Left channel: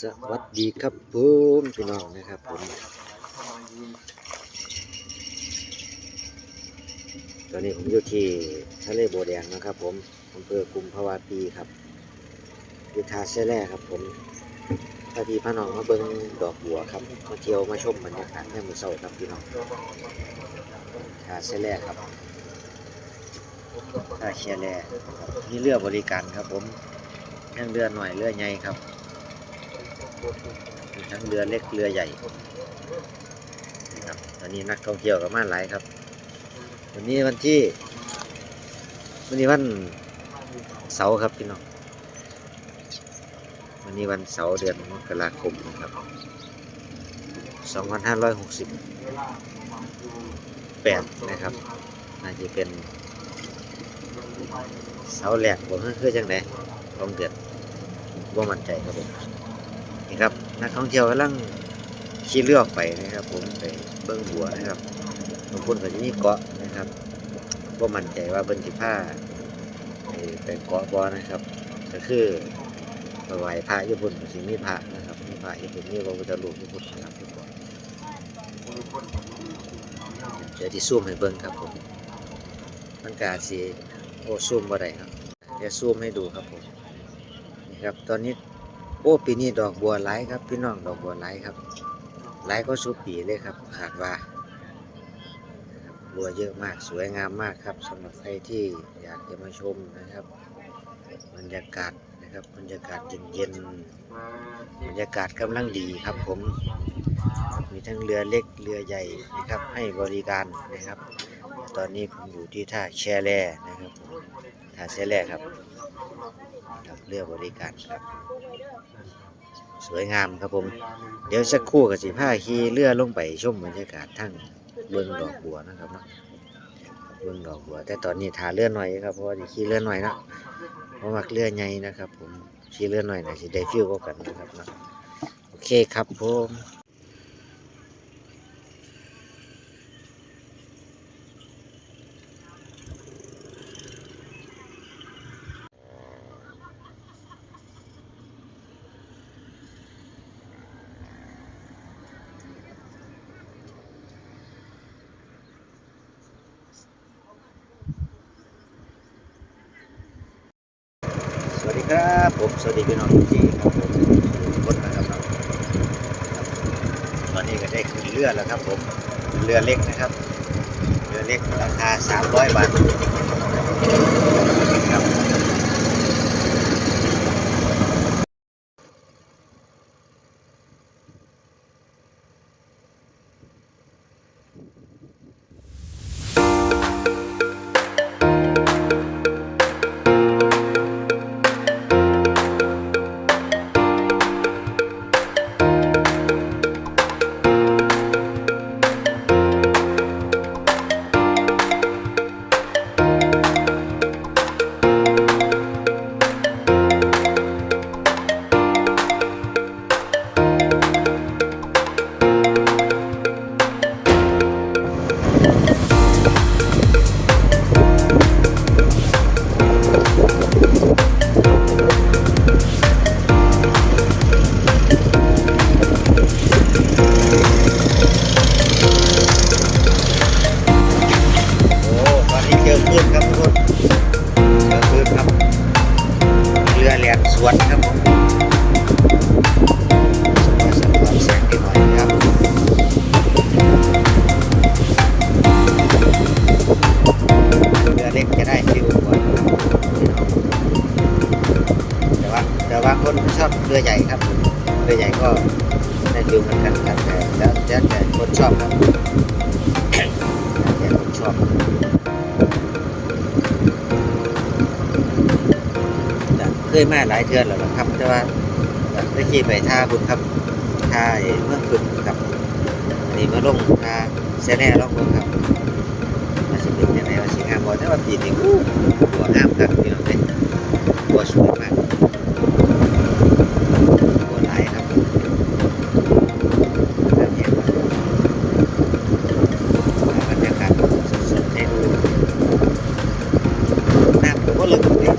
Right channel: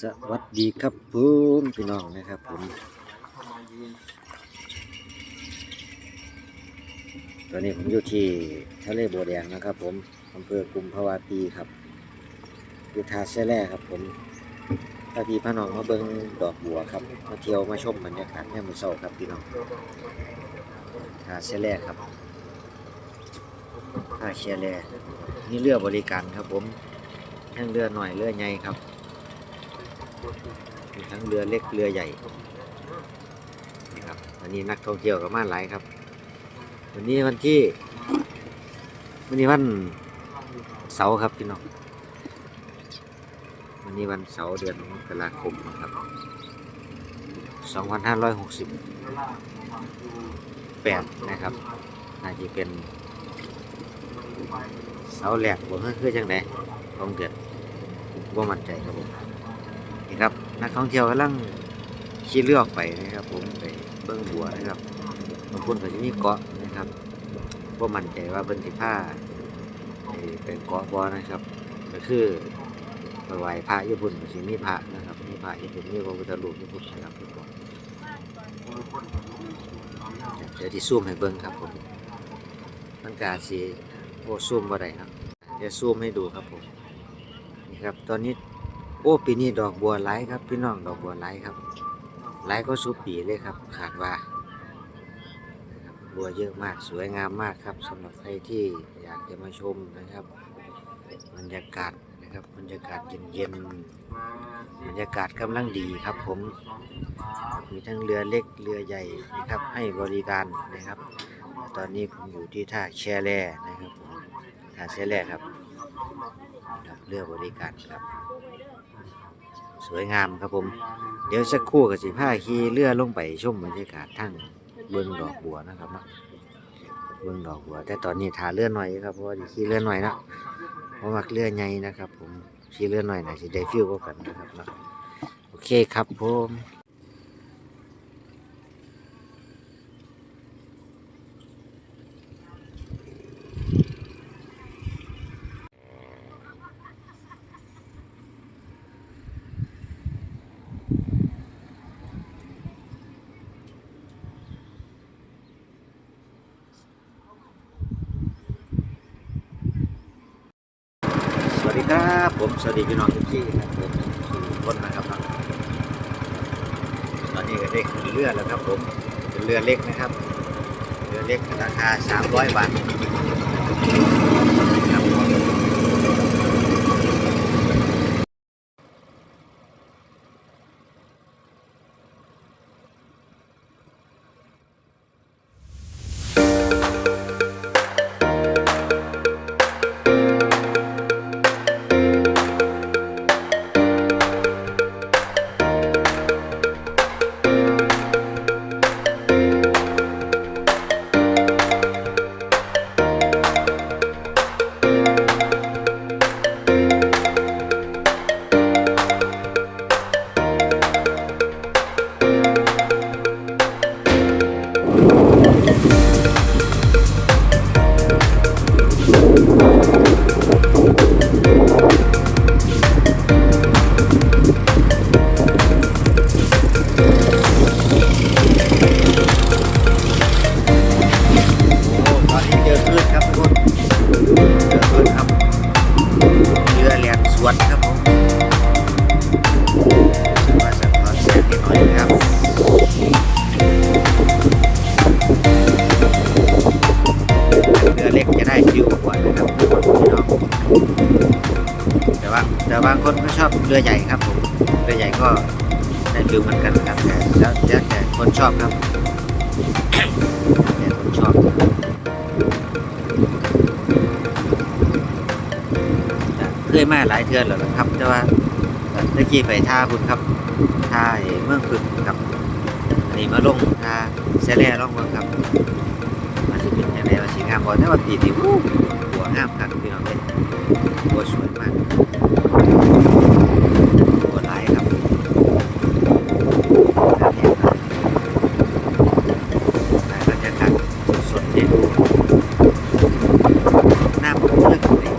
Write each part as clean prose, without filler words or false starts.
สวัสดีครับผมพี่น้องนะครับผมตอนนี้ผมอยู่ที่ทะเลบัวแดงนะครับผมอำเภอกุมภาวาปีครับอยู่ท่าแซ่แร่ครับผมถ้าพี่พี่น้องมาเบิ่งดอกบัวครับมาเที่ยวมาชมบรรยากาศยามมื้อเช้าครับพี่น้องท่าแซ่แร่ครับท่าแซ่แร่มีเรือบริการครับผมทั้งเรือหน่อยเรือใหญ่ครับมีทั้งเรือเล็กเรือใหญ่ครับวันนี้นักท่องเที่ยวก็มาหลายครับวันนี้วันเสาร์ครับพี่น้องวันนี้วันเสาร์เดือนมกราคมนะครับ2568นะครับน่าจะเป็นเสาร์แรกผมคือจังได๋ของเดือนบ่มั่นใจครับผมนี่ครับนักท่องเที่ยวกำลังขี่เรือออกไปนะครับผมไปเบิ่งบัวนะครับบางคนก็จะมีเกาะนะครับบ่มั่นใจว่าเพิ่นสิพาไปเกาะบ่นะครับก็คือไปไหว้พระญี่ปุ่นก็สิมีพระนะครับมีพระญี่ปุ่นมีพระพุทธรูปญี่ปุ่นนะครับทุกคนเดี๋ยวที่ซูมให้เบิ่งครับผมมันก็อาจสิซูมบ่ได้ครับเดี๋ยวซูมให้ดูครับผมนี่ครับตอนนี้ปีนี้ดอกบัวหลายครับพี่น้องดอกบัวหลายครับหลายก็สุปีเลยครับขาดว่าบัวเยอะมากสวยงามมากครับสำหรับใครที่อยากจะมาชมนะครับบรรยากาศนะครับบรรยากาศเย็นๆบรรยากาศกำลังดีครับผมมีทั้งเรือเล็กเรือใหญ่นะครับให้บริการนะครับตอนนี้ผมอยู่ที่ท่าแช่แร่นะครับท่าแช่แร่ครับเรือบริการครับสวยงามครับผมเดี๋ยวสักครู่กับสิพาขี่เรือลงไปชมบรรยากาศทั้งเบิ่งดอกบัวนะครับเนาะเบิ่งดอกบัวแต่ตอนนี้ท่าเรือหน่อยครับเพราะว่าขี่เรือหน่อยนะเพราะว่าเรือใหญ่นะครับผมขี่เรือหน่อยนะสิได้ฟิลกว่ากันนะครับเนาะโอเคครับผมสวัสดีครับผมสวัสดีพี่น้องทุกที่ครับผมคนนะครับตอนนี้ก็ได้ขึ้นเรือแล้วครับผมเรือเล็กนะครับเรือเล็กราคา300 บาทครับเจอคลื่นครับทุกคนเจอคลื่นครับเรือแล่นสวนครับผมมาสักตอนเสร็จหน่อยครับเรือเล็กจะได้ฟิวกว่าครับแต่บางคนก็ชอบเรือใหญ่ครับเรือใหญ่ก็ได้ฟิวเหมือนกันครับแล้วแต่คนชอบครับแต่คนชอบเคยมาหลายเทือนแล้วครับแต่ว่าเมื่อกี้ไปท่าบุญครับท่าเมืองบุญครับนี่มาลงท่าแซ่แร่ลงเมืองครับมาสิเป็นยังไงว่าสิงามบ่แต่ว่าปีนี้บัวงามครับพี่น้องเด้บัวสวยมากบัวหลายครับบรรยากาศสดๆให้ดูน้ำก็ลึกเลย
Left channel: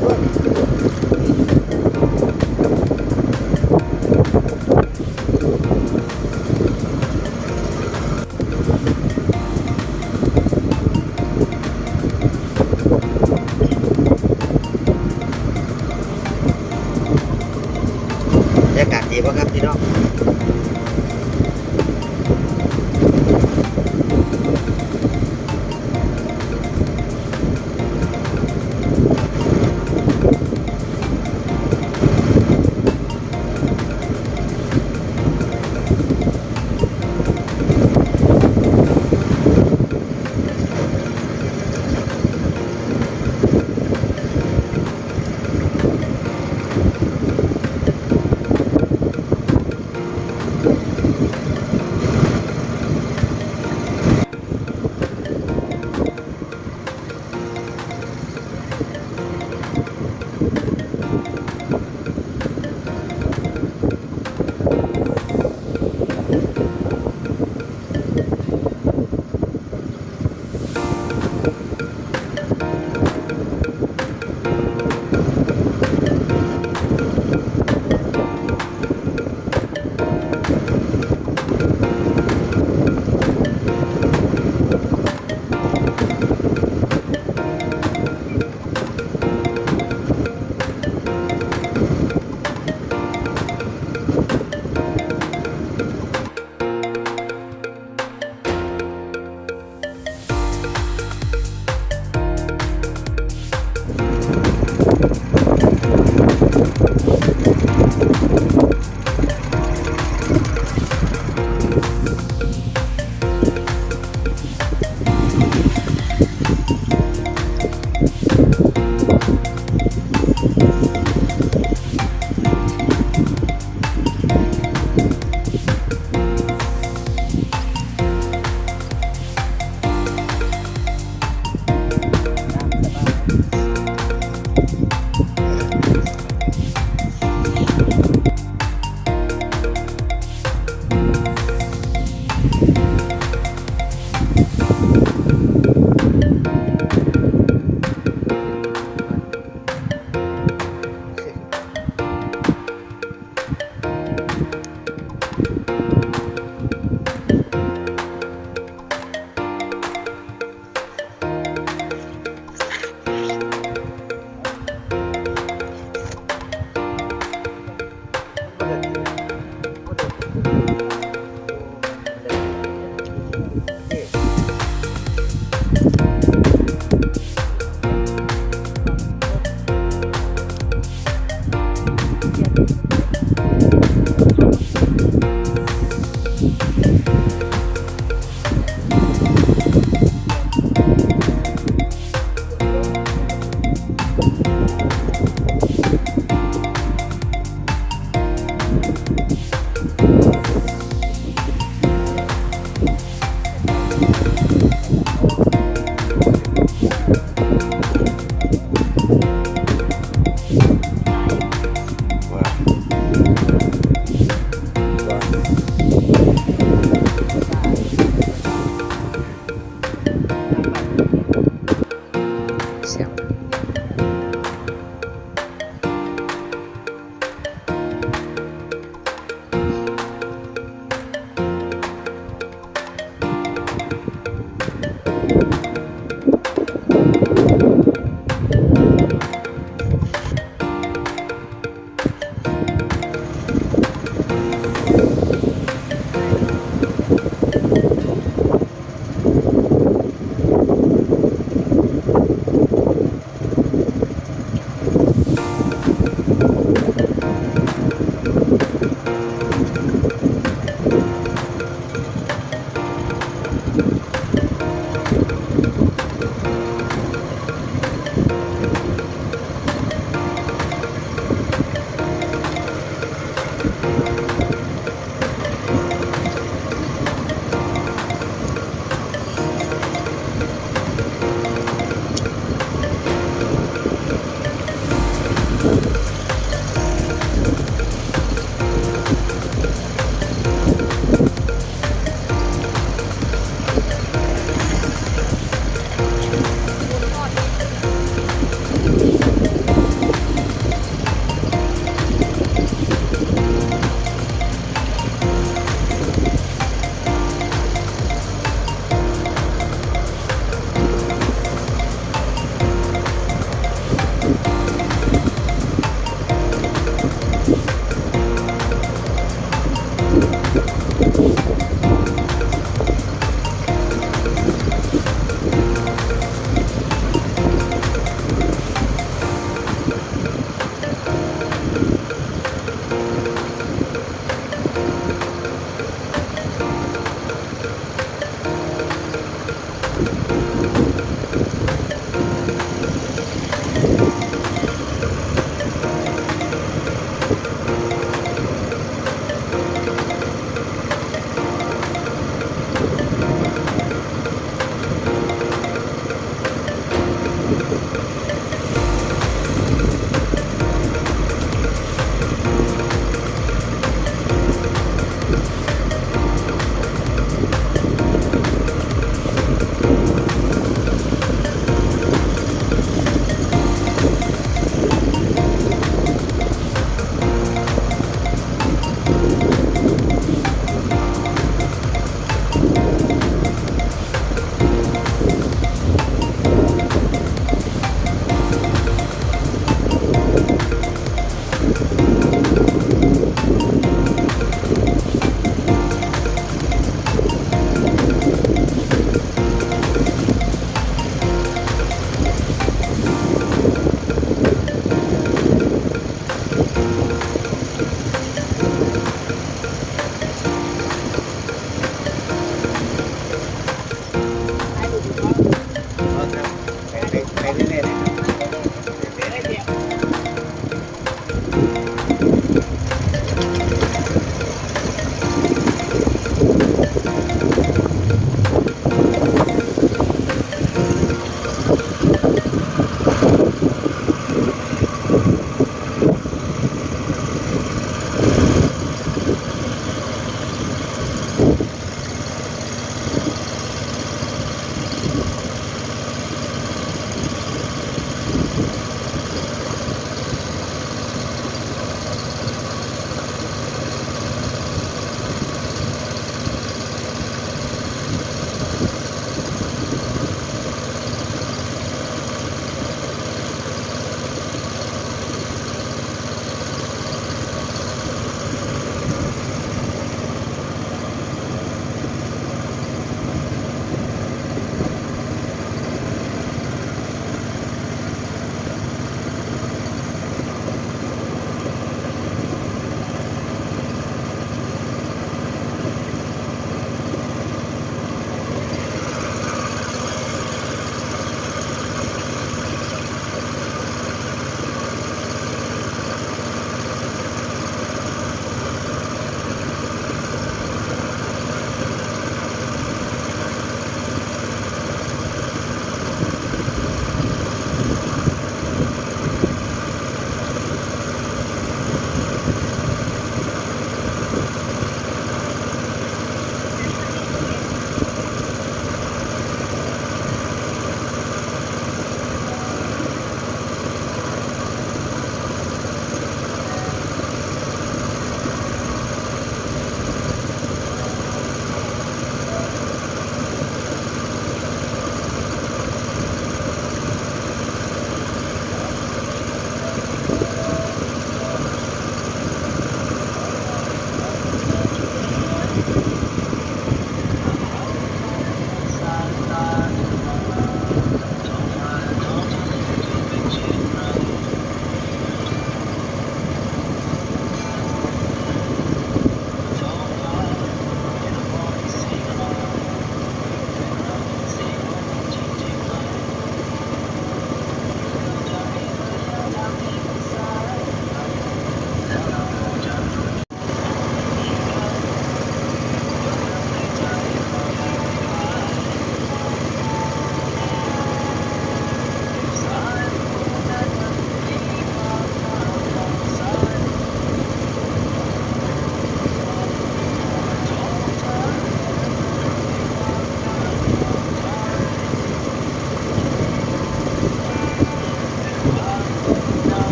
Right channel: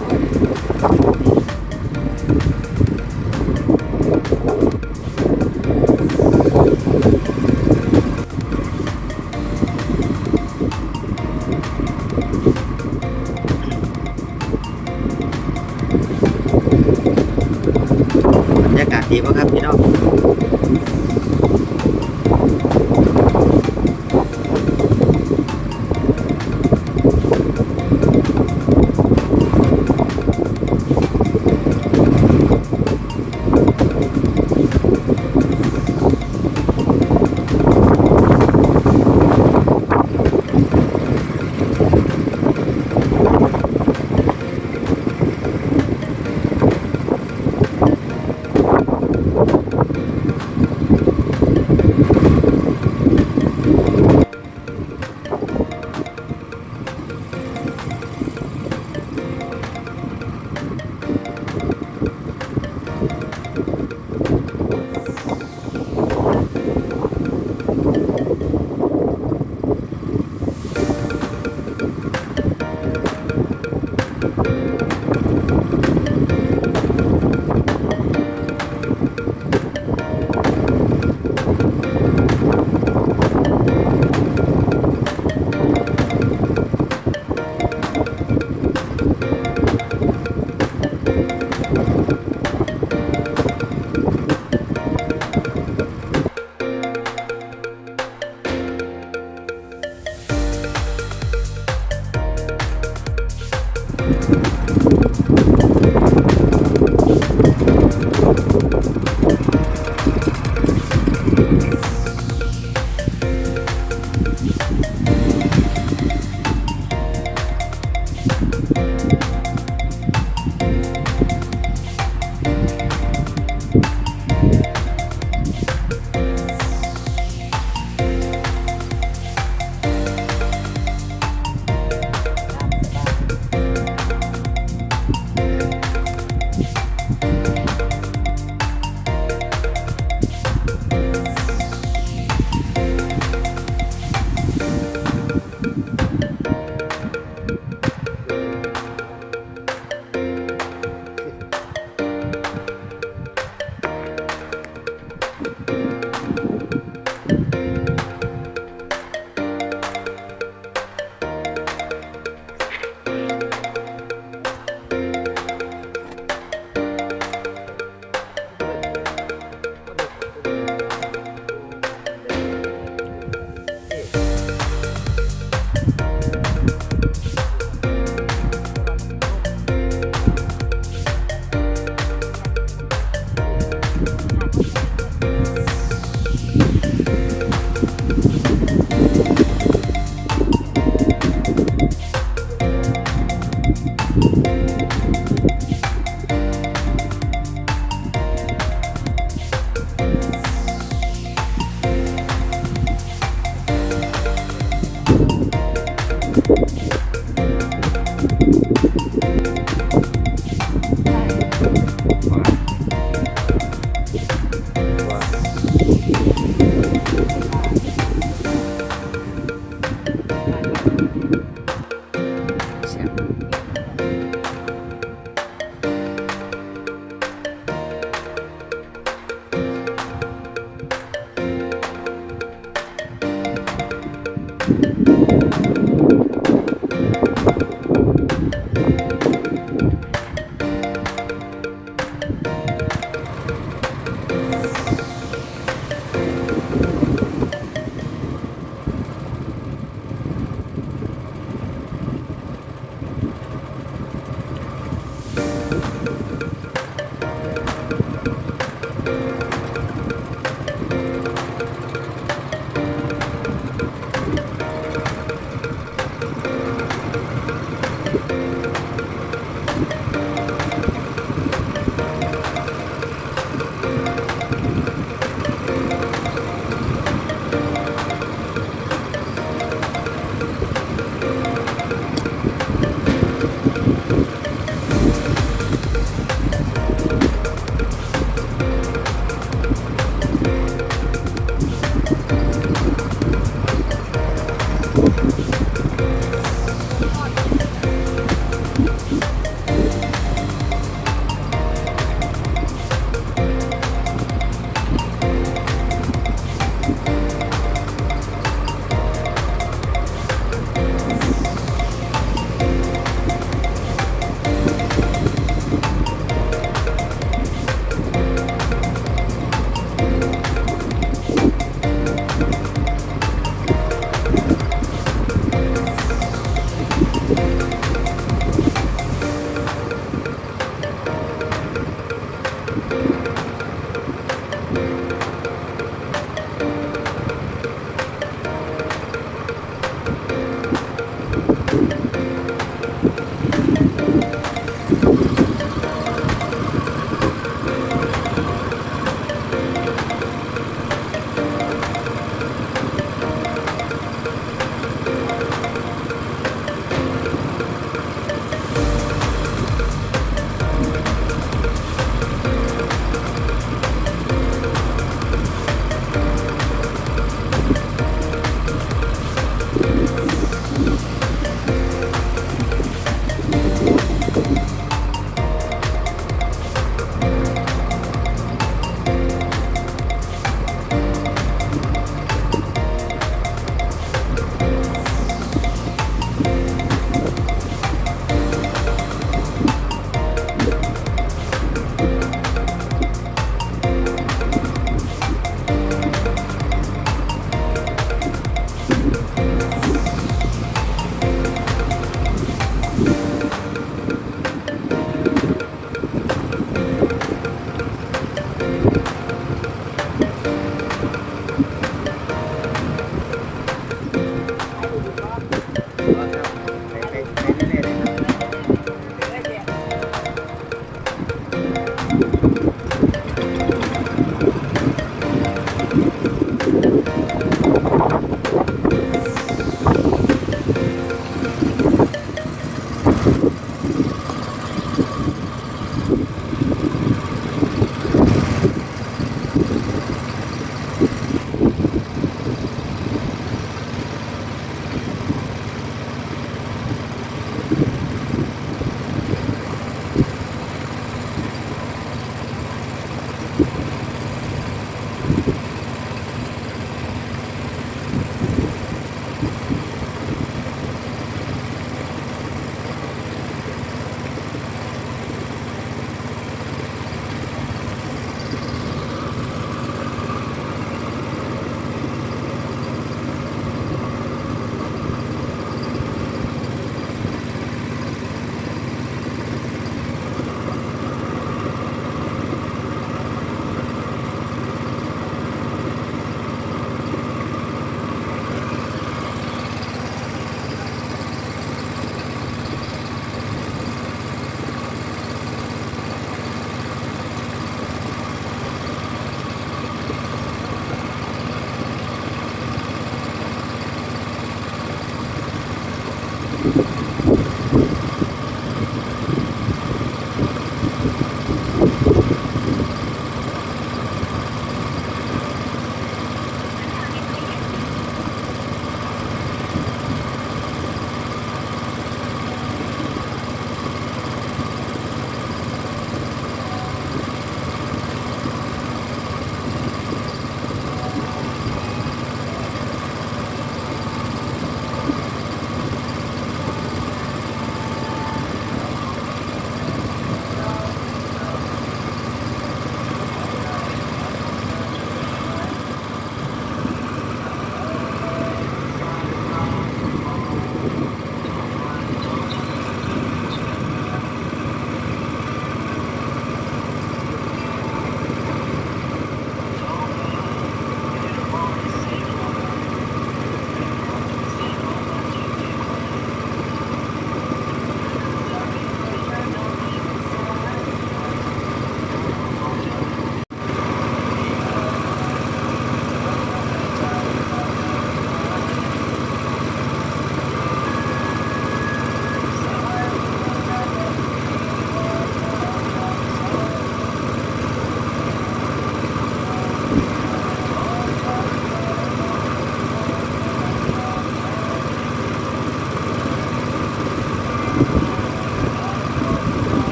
แซ่บ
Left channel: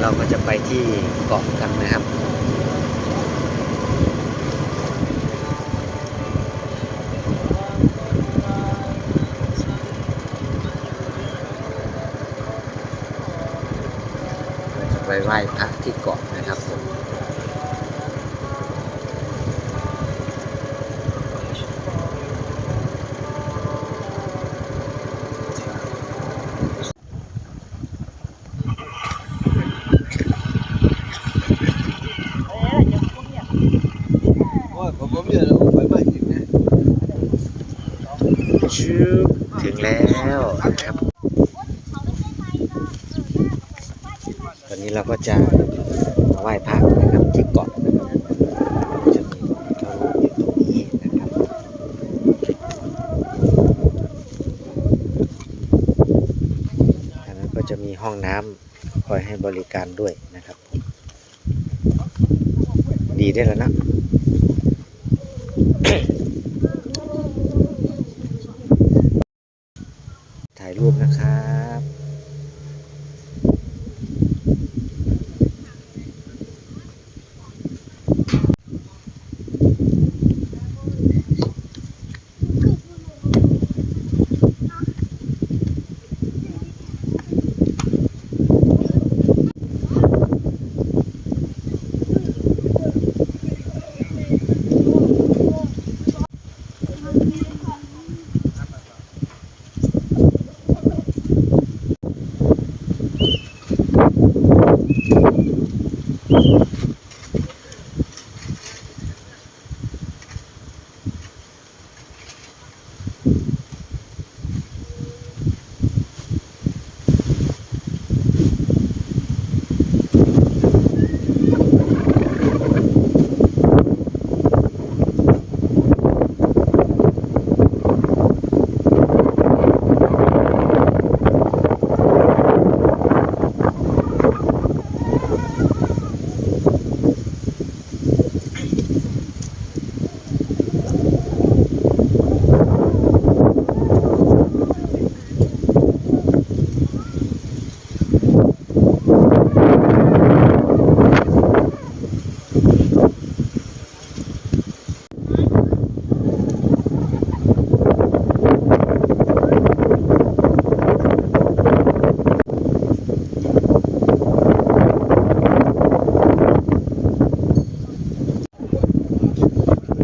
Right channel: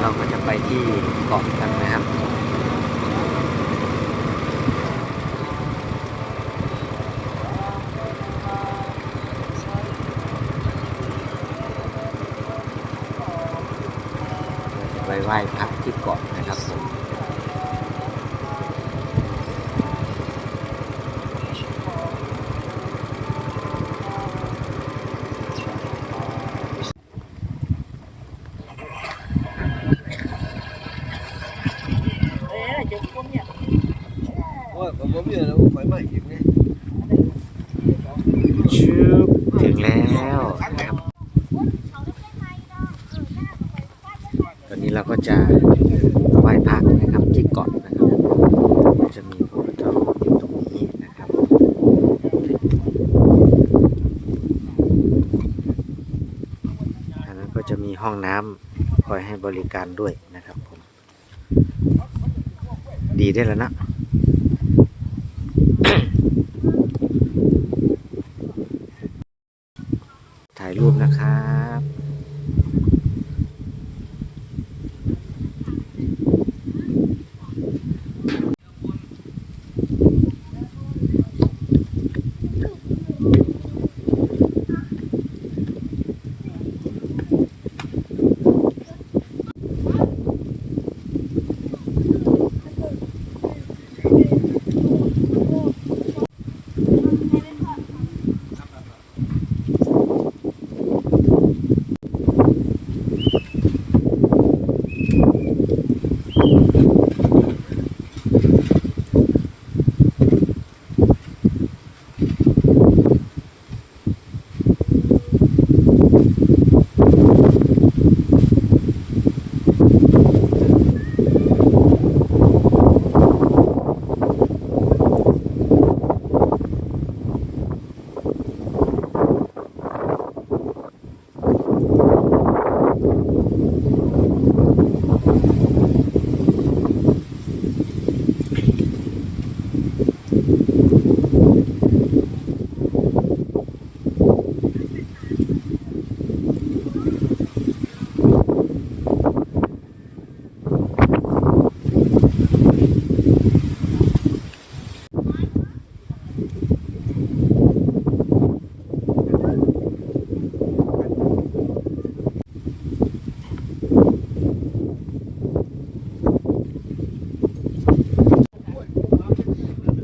เราก็จะไปที่เกาะกันนะครับเราจะไปไหว้พระที่เกาะนะครับผมชืบถึงแล้วนะครับตอนนี้เราก็จะไหว้พระนะครับที่เกาะนะครับจะมีพระพุทธรูปอยู่ตรงนี้นะครับทางนั้นก็จะมีห้องน้ำคอยให้บริการด้วยนะครับผมดีได้แล้วนะ ถ่ายรูปนะครับ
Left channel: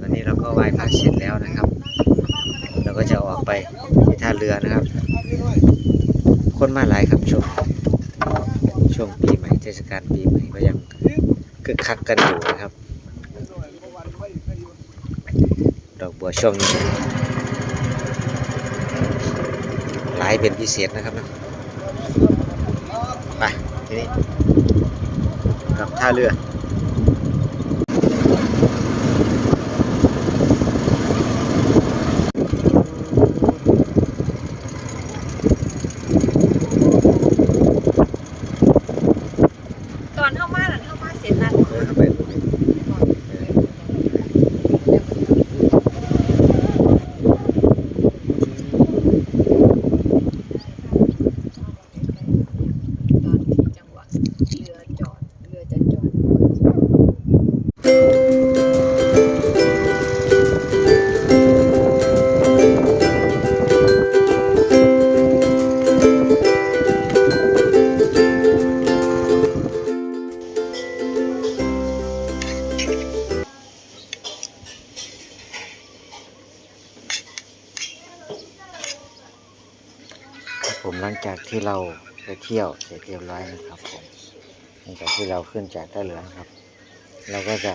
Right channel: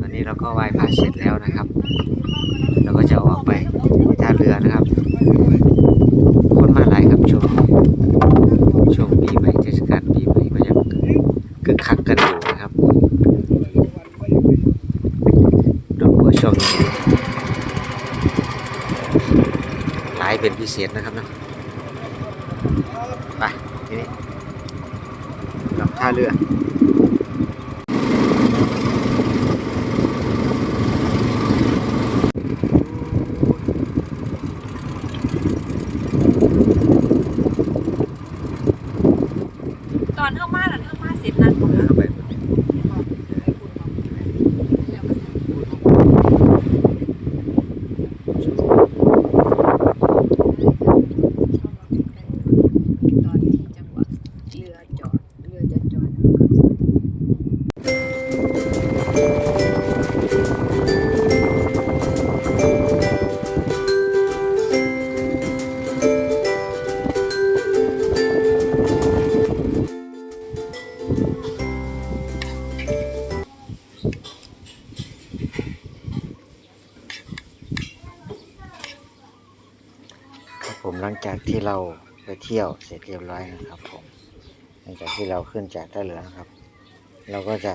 ตอนนี้เราก็ไหว้พระเสร็จแล้วนะครับเราก็จะออกไปที่ท่าเรือนะครับคนมาหลายครับช่วงปีใหม่เทศกาลปีใหม่ก็ยังคึกคักกันอยู่นะครับดอกบัวช่วงนี้หลายเป็นพิเศษนะครับนะไปทีนี้กลับท่าเรือตอนเข้ามาน่ะเข้ามาเสร็จนั่นบอก เข้าไปบนนี้ตอนที่จังหวะเรือจอดเรือจะจอดผมหลังจากที่เราไปเที่ยวเสร็จเรียบร้อยนะครับผมหลังจากที่เราขึ้นจากท่าเรือนะครับเราก็จะ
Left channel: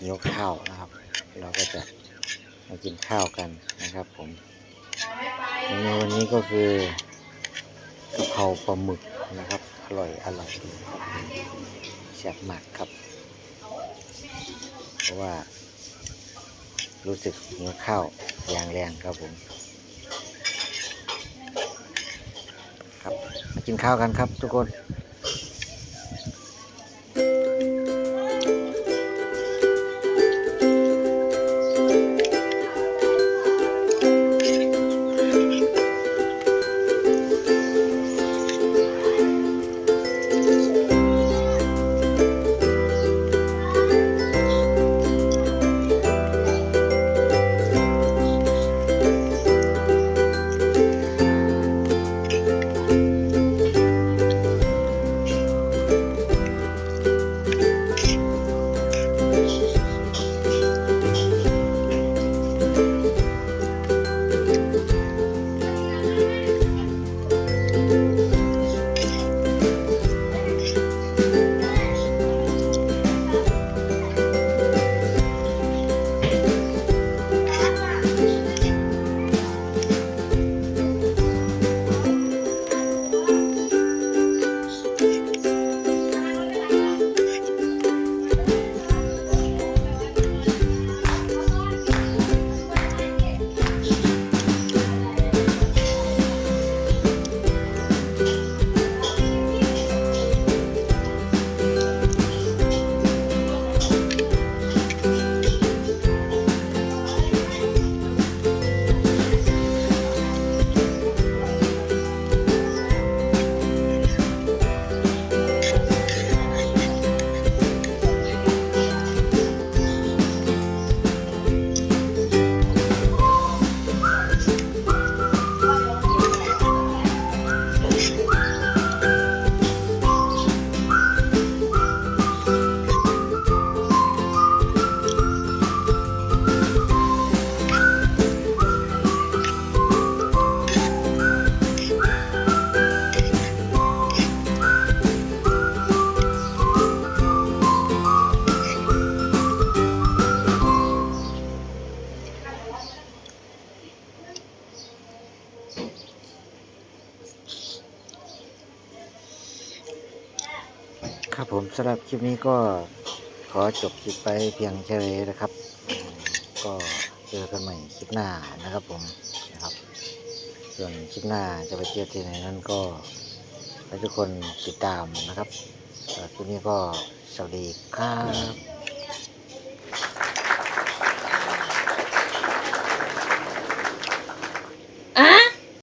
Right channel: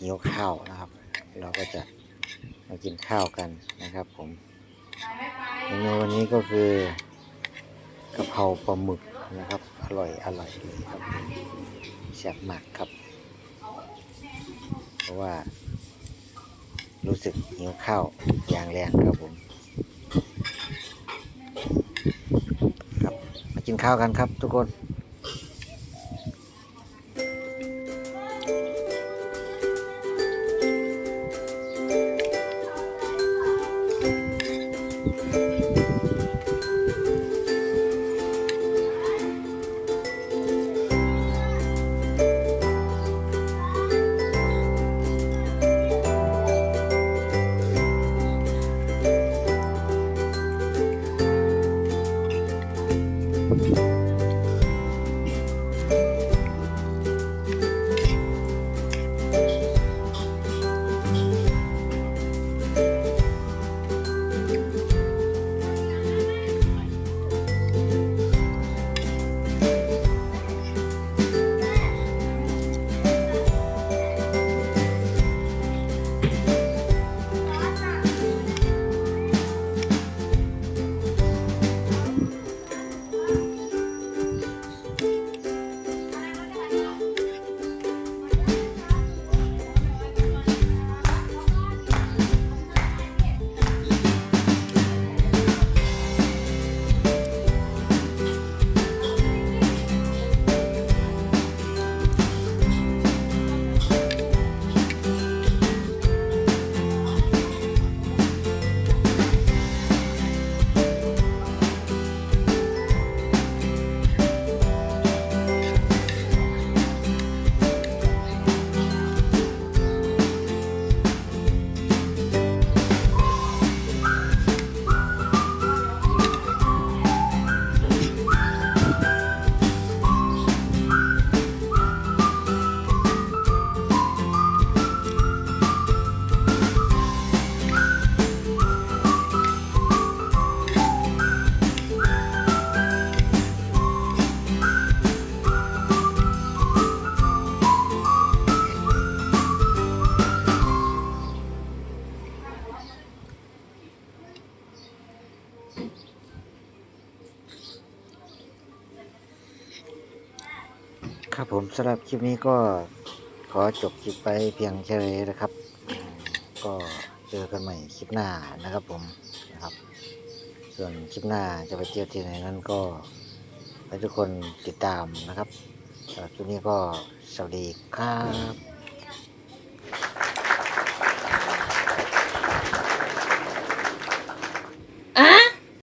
หิวข้าวนะครับเราก็จะมากินข้าวกันนะครับผมเมนูวันนี้ก็คือกะเพราปลาหมึกนะครับอร่อยเลยครับแซ่บมากครับเพราะว่ารู้สึกหิวข้าวอย่างแรงครับผมครับมากินข้าวกันครับทุกคน ต ครับผมสำหรับคลิปนี้ก็ขอจบคลิปไปเพียงแค่นี้นะครับก็เจอกันใหม่คลิปหน้านะครับผมนะครับ ส่วนคลิปหน้าจะไปเที่ยวที่ไหนนั้นก็ให้ทุกคนติดตามนะครับสำหรับคลิปนี้ก็สวัสดีครับ